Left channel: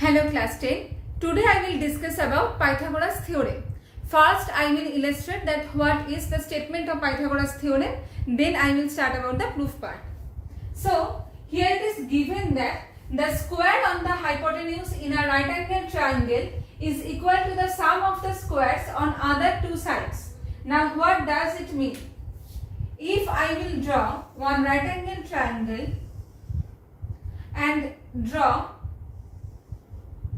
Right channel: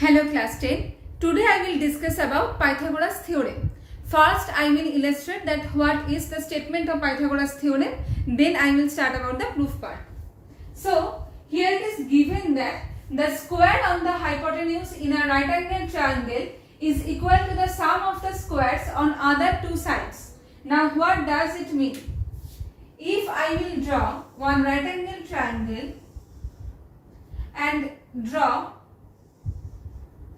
Hello class 10. Today I will discuss about Pythagoras theorem. First I will illustrate that what is the statement of Pythagoras theorem. Then I will start about the proof part. So here it is given that the square on the hypotenuse in a right angle triangle is equal to the sum of the squares on other two sides. Now what does it mean? If I will draw one right angle triangle and draw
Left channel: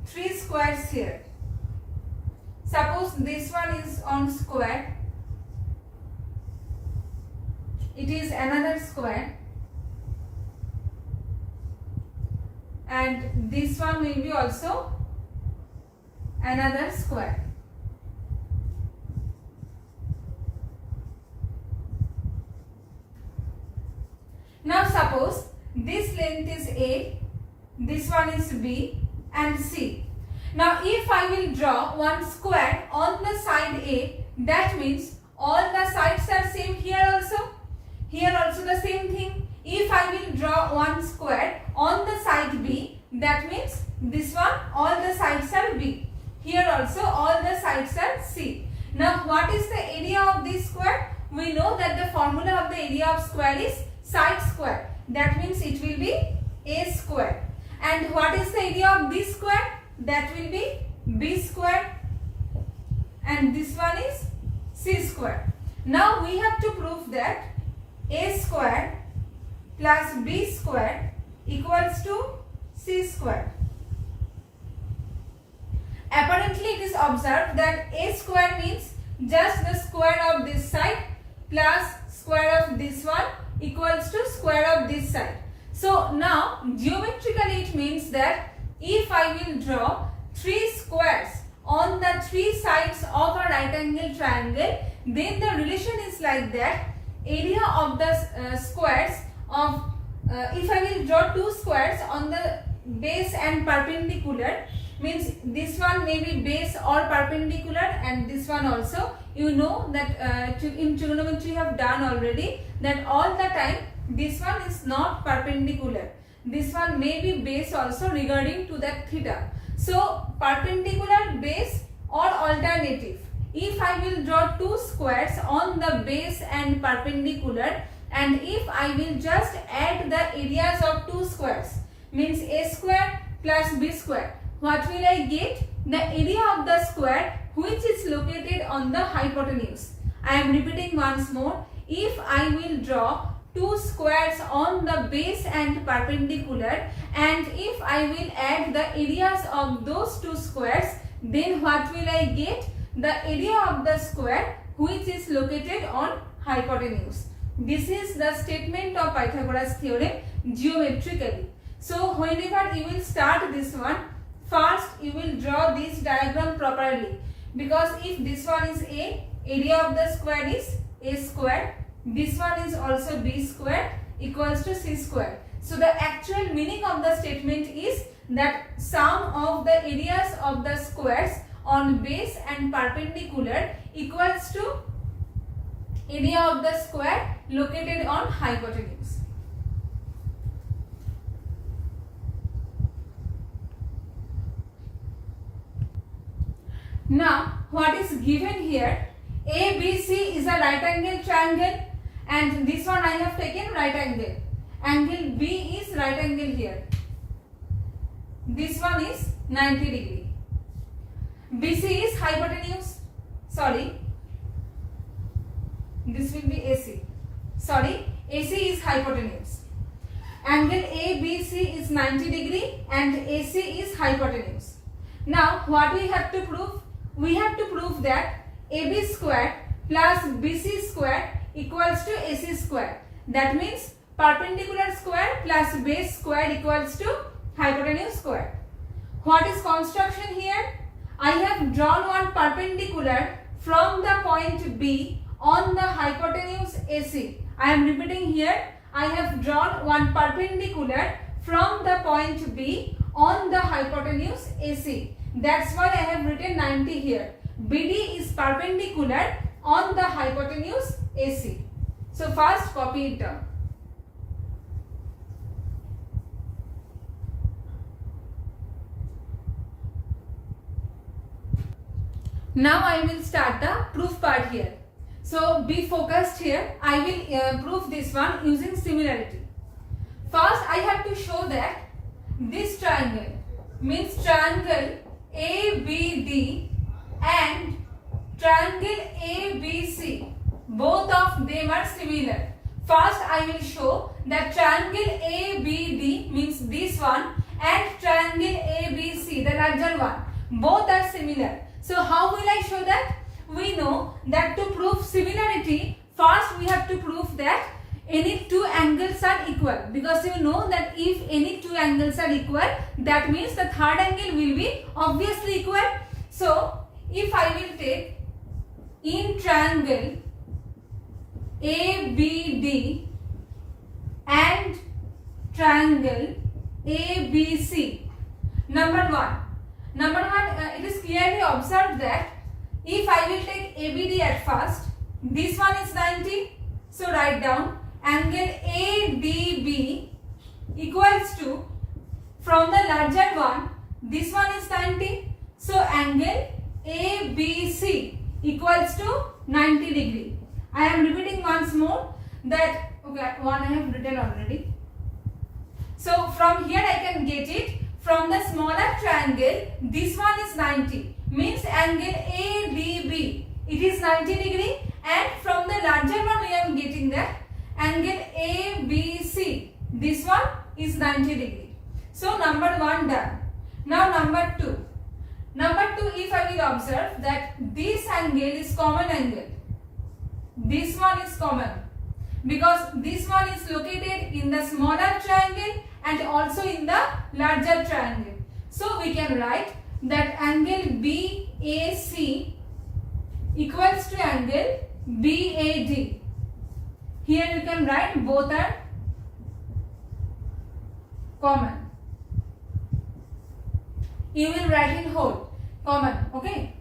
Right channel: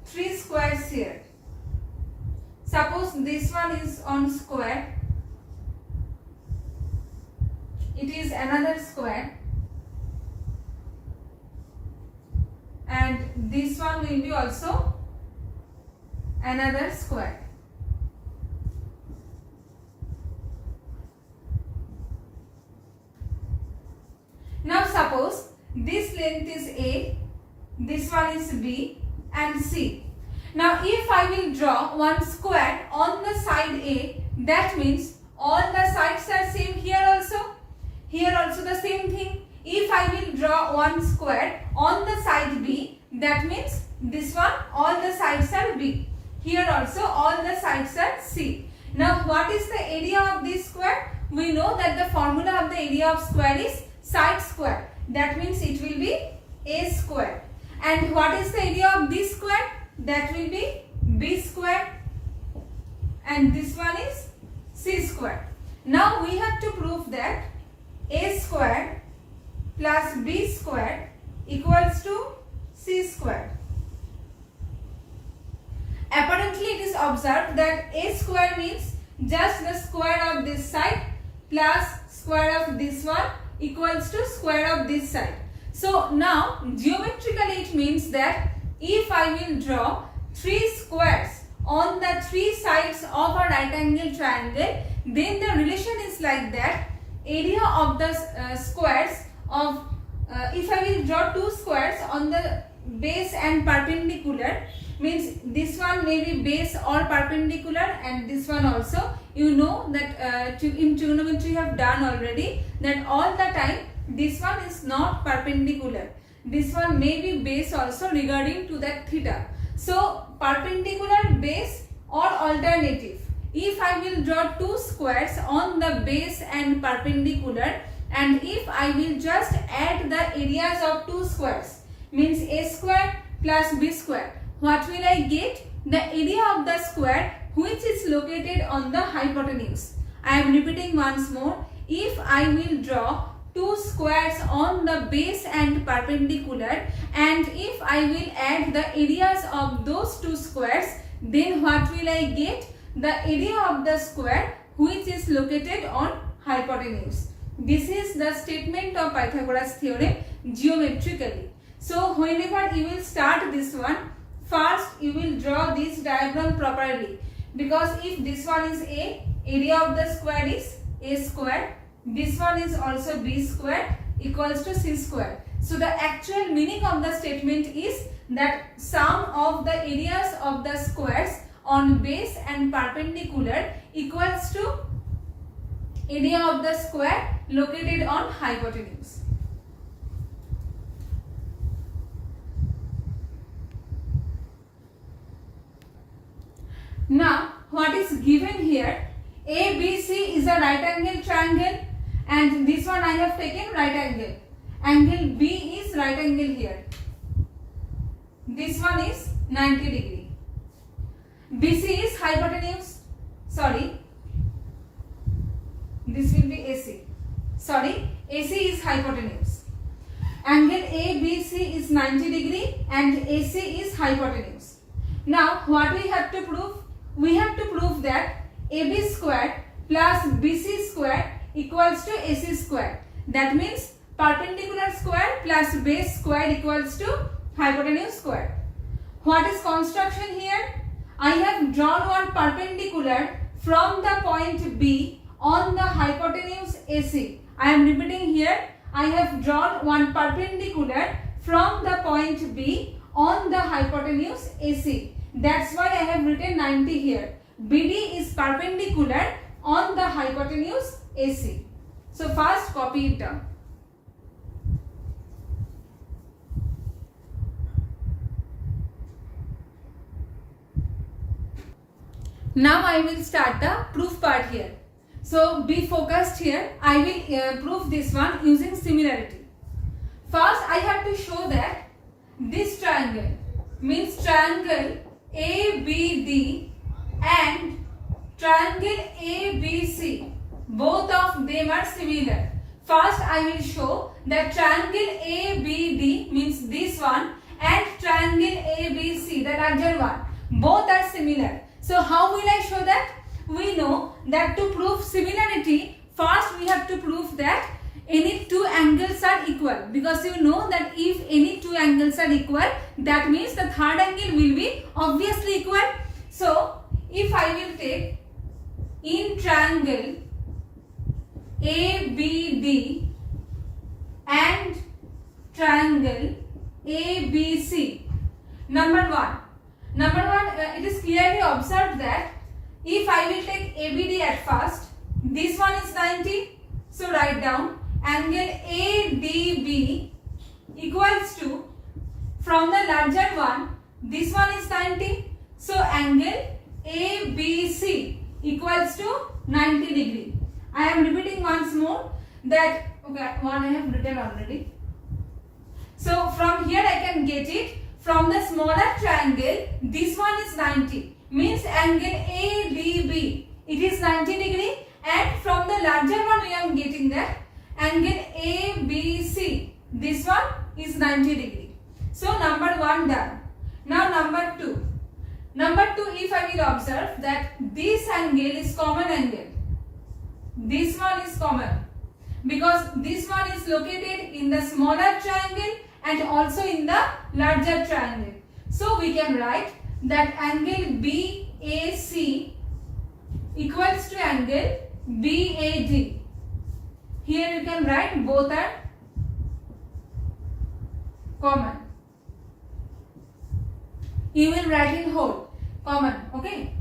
three squares here. Suppose this one is on square, it is another square, and this one will be also another square. Now suppose this length is A, this one is B and C. Now if I will draw one square on the side A, that means all the sides are same here also. Here also the same thing. If I will draw one square on the side B, that means this one all the sides are B. Here also all the sides are C. Now what is the area of this square? We know that the formula of the area of square is side square. That means it will be A square. And what is the area of this square? That will be B square. And this one is C square. Now we have to prove that A square plus B square equals to C square. Apparently it is observed that A square means just the square of this side plus square of this one equals to square of this side. So now geometrically it means that if I will draw three squares on the three sides of a right angle triangle, then the relation is like that area of the squares of if I will draw two squares on the base and perpendicular, means this one may be base or perpendicular and this one also. You know that in trigonometry you have done already that all the time this one is not perpendicular. This one may be base also regarding to that theta. So perpendicular, base or alternative. If I will draw two squares on the base and perpendicular, and if I will just add the areas of two squares, means A square plus B square, what will I get? The area of the square which is located on the hypotenuse. I am repeating once more. If I will draw two squares on the base and perpendicular, and if I will add the areas of those two squares, then what will I get? The area of the square which is located on hypotenuse. This is the statement of Pythagoras theorem geometrically. So whenever you will start this one, first you will draw this diagram properly, because if this one is A, area of the square is A square. This one is also B square equals to C square. So the actual meaning of the statement is that sum of the areas of the squares on base and perpendicular equals to area of the square located on hypotenuse. Now what is given here? ABC is a right angle triangle, and this one I have taken right angle. Angle B is right angle here. This one is 90 degree. BC is hypotenuse. Sorry. This will be AC. Sorry. AC is hypotenuse. Angle ABC is 90 degree and AC is hypotenuse. Now what we have to prove? We have to prove that AB square plus BC square equals to AC square. That means perpendicular square plus base square equals to hypotenuse square. What is construction here? I have drawn one perpendicular from the point B on the hypotenuse AC. I am repeating here. I have drawn one perpendicular from the point B on the hypotenuse AC. That's why I have written 90 here. BD is perpendicular on the hypotenuse AC. So first copy it down. Now I will start the proof part here. So be focused here. I will prove this one using similarity. First I have to show that this triangle means triangle ABD and triangle ABC, both of them are similar. First I will show that triangle ABD means this one and triangle ABC, the larger one, both are similar. So how will I show that? We know that to prove similarity, first we have to prove that any two angles are equal, because you know that if any two angles are equal, that means the third angle will be obviously equal. So if I will take in triangle ABD and triangle ABC, number one, it is clearly observed that if I will take ABD at first, this one is 90, so write down angle ADB equals to, from the larger one, this one is 90, so angle ABC equals to 90 degree. I am repeating once more that, okay, one I have written already. So from here I can get it, from the smaller triangle, this one is 90, means angle ADB, it is 90 degree, and from the larger one we are getting that angle ABC, this one is 90 degree. So number one done. Now number two. Number two, if I will observe that this angle is common angle, this one is common, because this one is located in the smaller triangle and also in the larger triangle. So we can write that angle BAC equals to angle BAD. Here you can write both are common. You will write in whole, common, okay.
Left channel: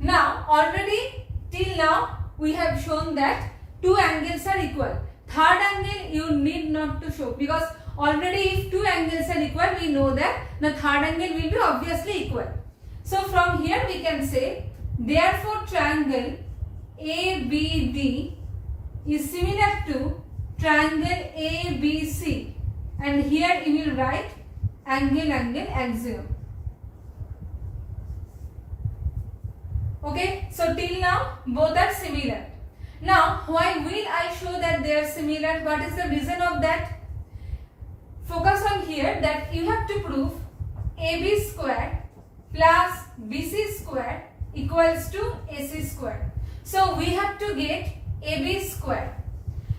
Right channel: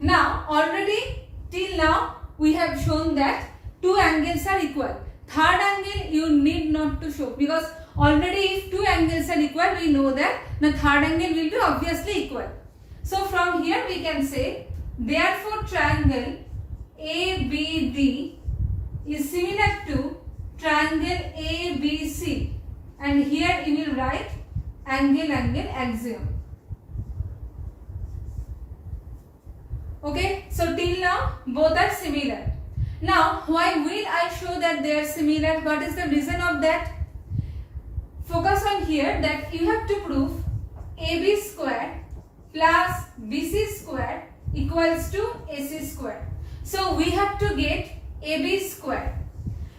Now already till now we have shown that two angles are equal. Third angle you need not to show, because already if two angles are equal, we know that the third angle will be obviously equal. So from here we can say, therefore triangle ABD is similar to triangle ABC, and here you will write angle axiom. Okay, so till now both are similar. Now why will I show that they are similar? What is the reason of that? Focus on here that you have to prove AB square plus BC square equals to AC square. So we have to get AB square.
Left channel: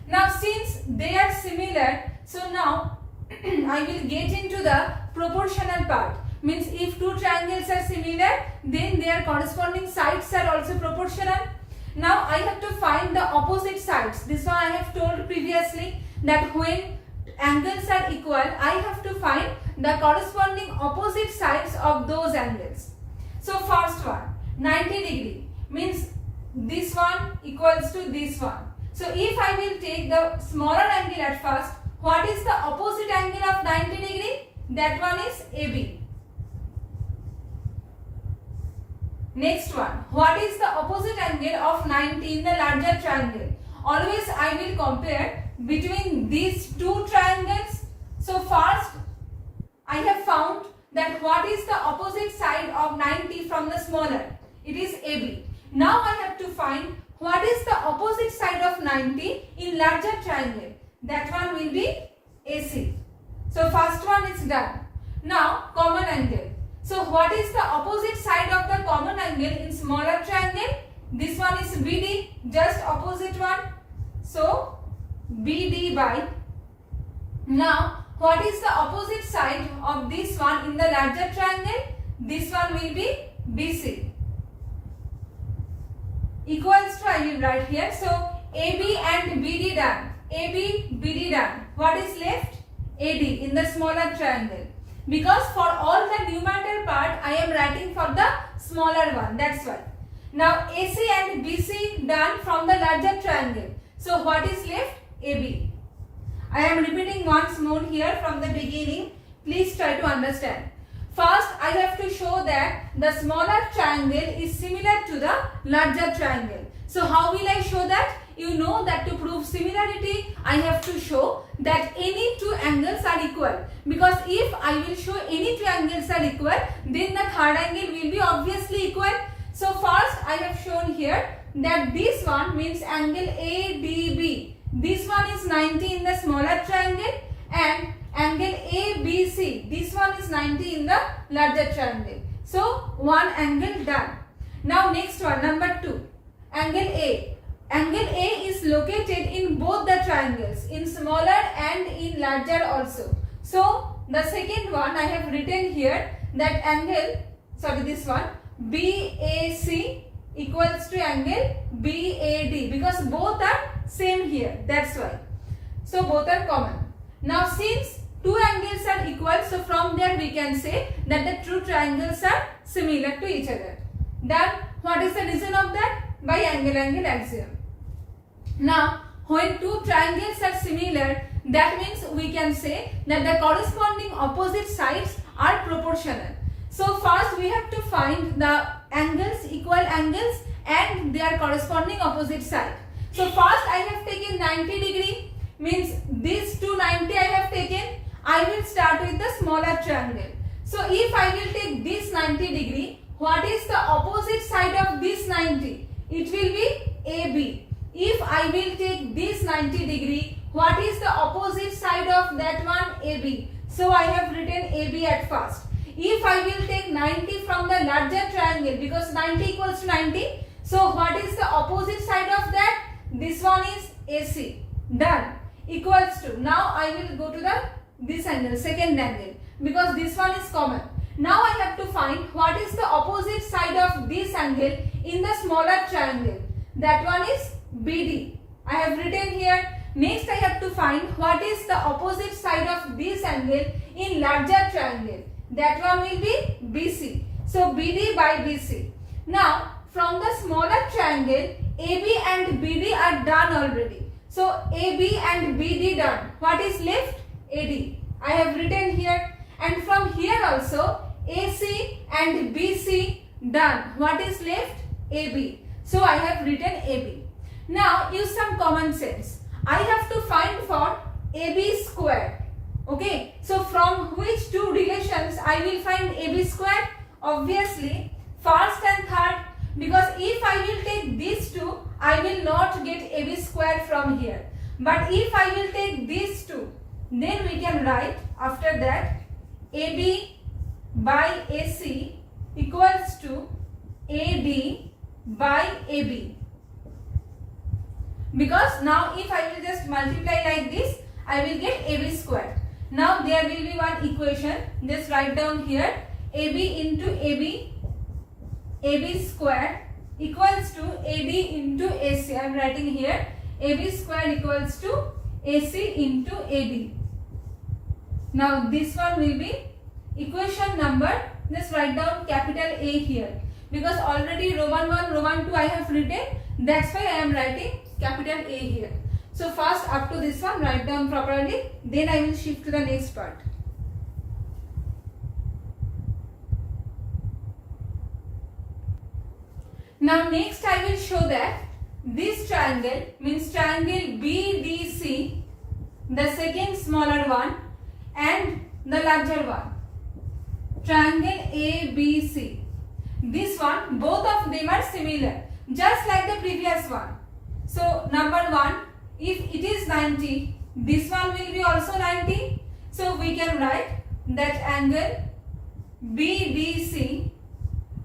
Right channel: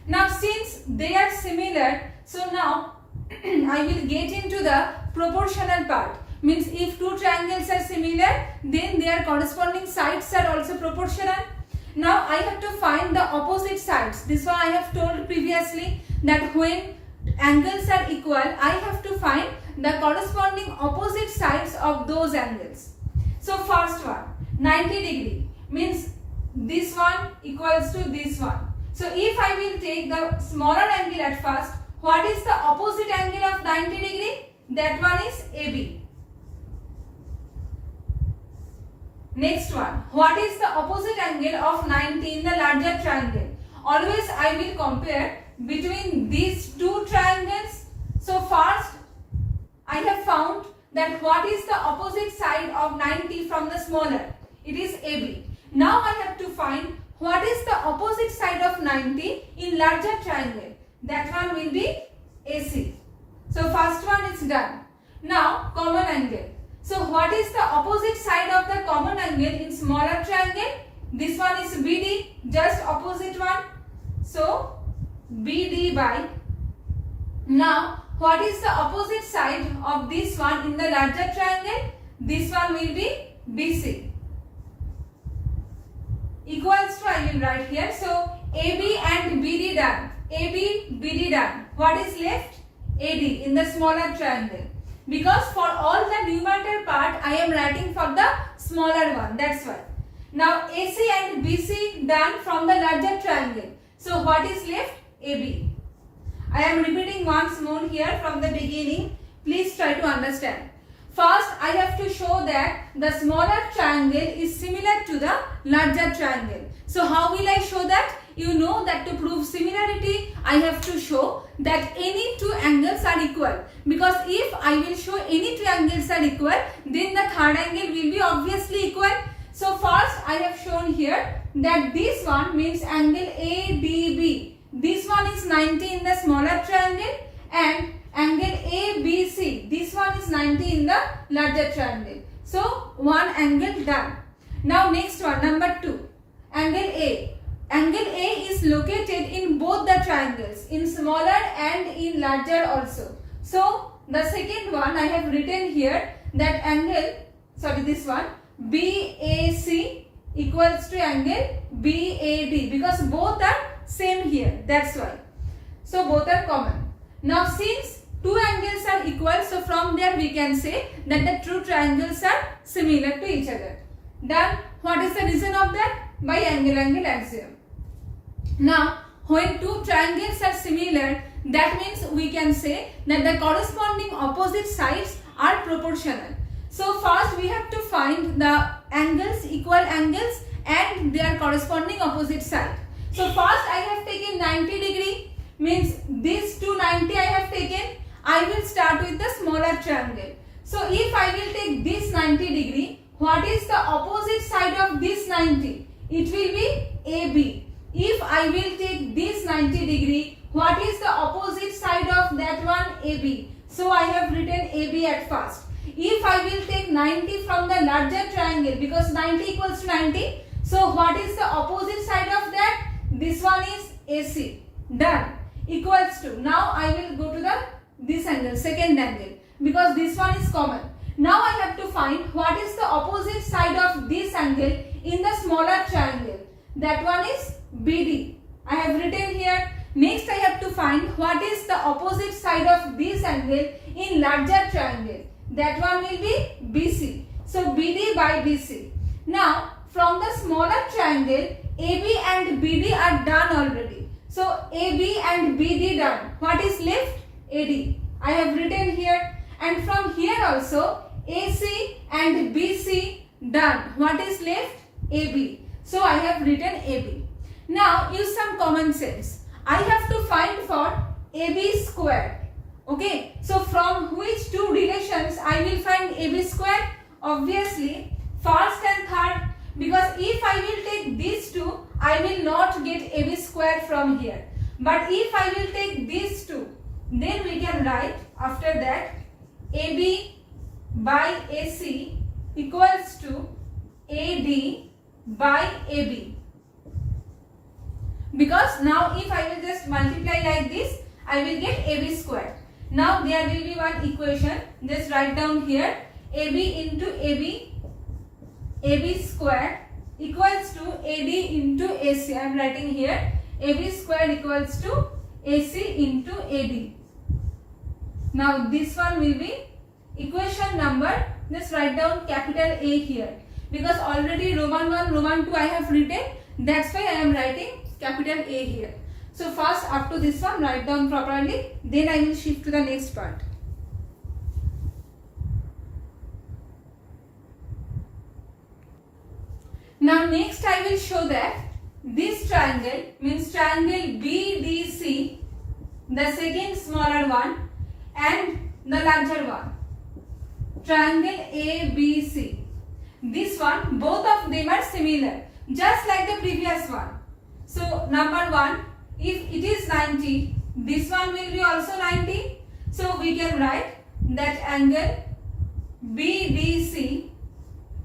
Now since they are similar, so now I will get into the proportional part. Means if two triangles are similar, then their corresponding sides are also proportional. Now I have to find the opposite sides. This one I have told previously that when angles are equal, I have to find the corresponding opposite sides of those angles. So first one, 90 degree, means this one equals to this one. So if I will take the smaller angle at first, what is the opposite angle of 90 degree? That one is AB. Next one, what is the opposite angle of 90 in the larger triangle? Always I will compare between these two triangles. So first I have found that what is the opposite side of 90 from the smaller? It is AB. Now I have to find what is the opposite side of 90 in larger triangle. That one will be AC. So first one is done. Now common angle. So what is the opposite side of the common angle in smaller triangle? This one is BD, just opposite one. So BD by. Now what is the opposite side of this one in the larger triangle? This one will be BC. Equals to, I will write here. So AB and BD done. AB, BD done. What is left? AD in the smaller triangle. Because for all the numerator part, I am writing for the smaller one. That's why. Now AC and BC done from the larger triangle. So what is left? AB. I am repeating once more here from the beginning. Please try to understand. First, I have to show that the smaller triangle is similar to the larger triangle. So how will I show that? You know that to prove similarity, I have to show that any two angles are equal. Because if I will show any two angles are equal, then the third angle will be obviously equal. So first, I have shown here that this one means angle ADB. This one is 90 in the smaller triangle, and angle ABC, this one is 90 in the larger triangle. So one angle done. Now next one, number 2, angle A. Angle A is located in both the triangles, in smaller and in larger also. So the second one I have written here that angle, this one, BAC equals to angle BAD, because both are same here, that's why. So both are common. Now since two angles are equal, so from there we can say that the two triangles are similar to each other. Then what is the reason of that? By angle-angle axiom. Now when two triangles are similar, that means we can say that the corresponding opposite sides are proportional. So first we have to find the angles, equal angles, and their corresponding opposite side. So first I have taken 90 degree, means these two 90 I have taken. I will start with the smaller triangle. So if I will take this 90 degree, what is the opposite side of this 90? It will be AB. If I will take this 90 degree, what is the opposite side of that one? AB. So I have written AB at first. If I will take 90 from the larger triangle, because 90 equals to 90, so what is the opposite side of that? This one is AC. Done. Equals to, now I will go to this angle, second angle, because this one is common. Now I have to find what is the opposite side of this angle in the smaller triangle. That one is BD. I have written here. Next I have to find what is the opposite side of this angle in larger triangle. That one will be BC. So BD by BC. Now from the smaller triangle, AB and BD are done already. So AB and BD done. What is left? AD. I have written here. And from here also AC and BC done. What is left? AB. So I have written AB. Now use some common sense. I have to find for AB squared. Okay. So from which two relations I will find AB squared? Obviously first and third. Because if I will take these two, I will not get AB squared from here. But if I will take these two, then we can write after that AB by AC equals to AD by AB. Because now if I will just multiply like this, I will get AB squared. Now there will be one equation. Just write down here AB into AB squared equals to AD into AC. I am writing here AB squared equals to AC into AD. Now this one will be equation number, just write down capital A here. Because already Roman 1, Roman 2 I have written, that's why I am writing capital A here. So first up to this one write down properly, then I will shift to the next part. Now next I will show that this triangle means triangle BDC, the second smaller one and the larger one, triangle ABC. This one, both of them are similar, just like the previous one. So number 1, if it is 90, this one will be also 90. So we can write that angle BDC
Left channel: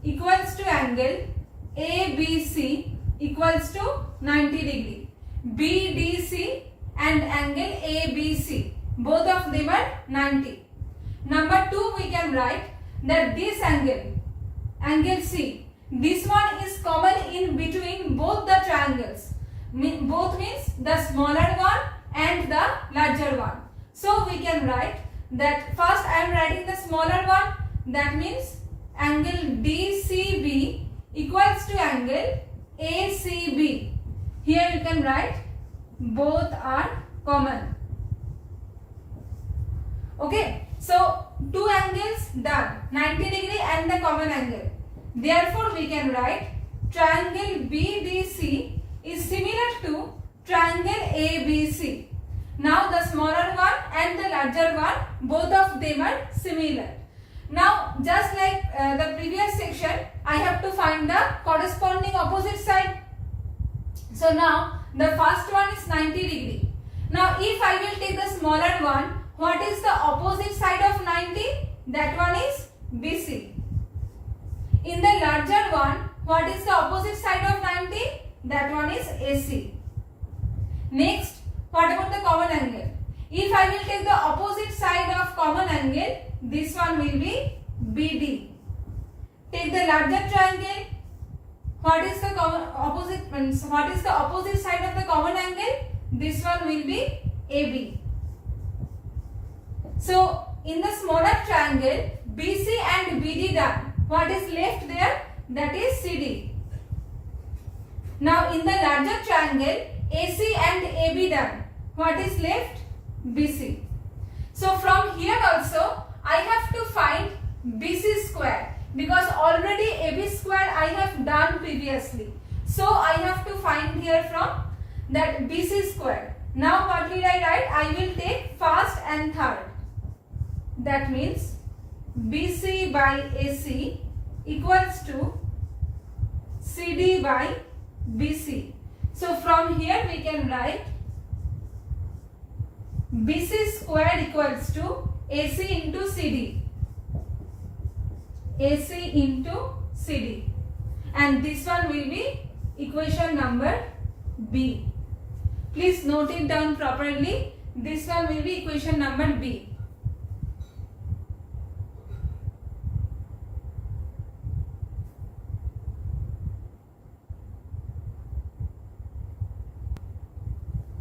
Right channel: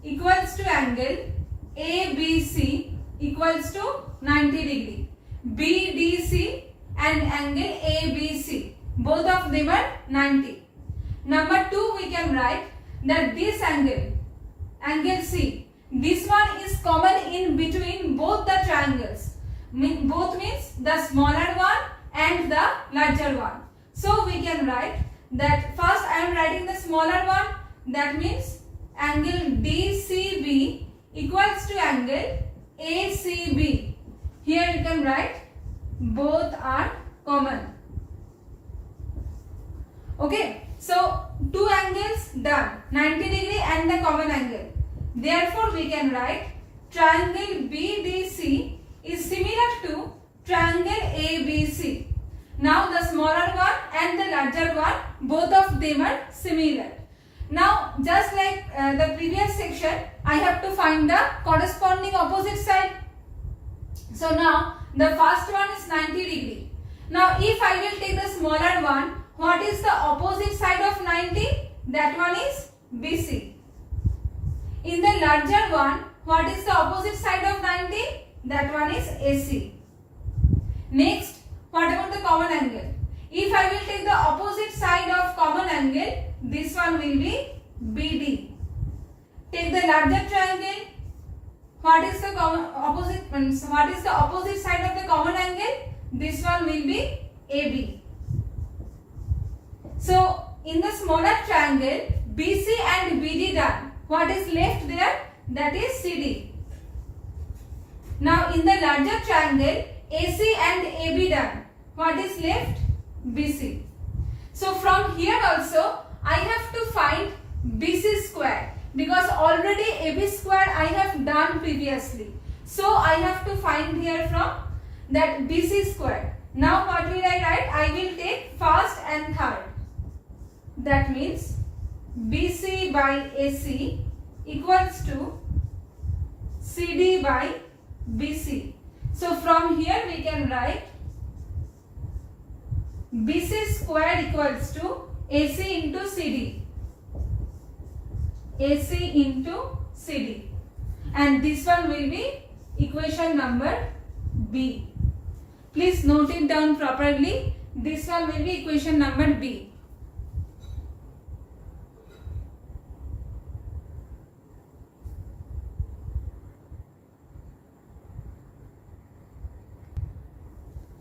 equals to angle ABC equals to 90 degree. BDC and angle ABC, both of them are 90. Number 2, we can write that this angle, angle C, this one is common in between both the triangles. Both means the smaller one and the larger one. So we can write that first I am writing the smaller one, that means angle DCB equals to angle ACB. Here you can write both are common. Okay, so two angles done, 90 degree and the common angle. Therefore, we can write triangle BDC is similar to triangle ABC. Now, the smaller one and the larger one, both of them are similar. Now, just like the previous section, I have to find the corresponding opposite side. So, now the first one is 90 degree. Now, if I will take the smaller one, what is the opposite side of 90? That one is BC. In the larger one, what is the opposite side of 90? That one is AC. Next, what about the common angle? If I will take the opposite side of common angle, this one will be BD. Take the larger triangle. What is the opposite side of the common angle? This one will be AB. So, in the smaller triangle, BC and BD done. What is left there? That is CD. Now, in the larger triangle, AC and AB done. What is left? BC. So, from here also, I have to find BC square because already AB square I have done previously. So, I have to find here from that BC square. Now, what will I write? I will take first and third. That means BC by AC equals to CD by BC. So, from here we can write BC square equals to AC into CD. AC into CD. And this one will be equation number B. Please note it down properly. This one will be equation number B.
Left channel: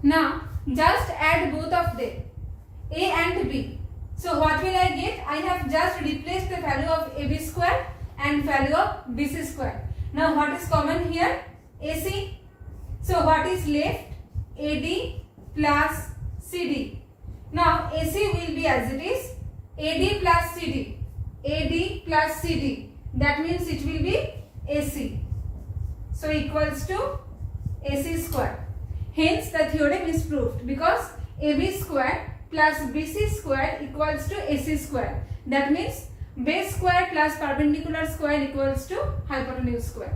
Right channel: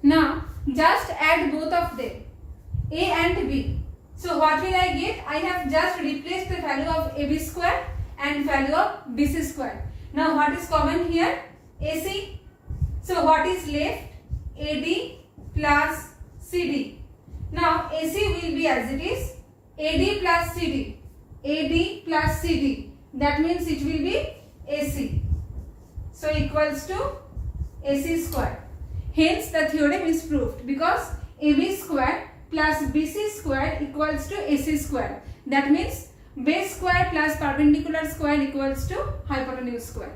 Now, just add both of them, A and B. So, what will I get? I have just replaced the value of AB square and value of BC square. Now, what is common here? AC. So, what is left? AD plus CD. Now, AC will be as it is AD plus CD. AD plus CD. That means it will be AC. So, equals to AC square. Hence, the theorem is proved because AB square plus BC square equals to AC square. That means base square plus perpendicular square equals to hypotenuse square.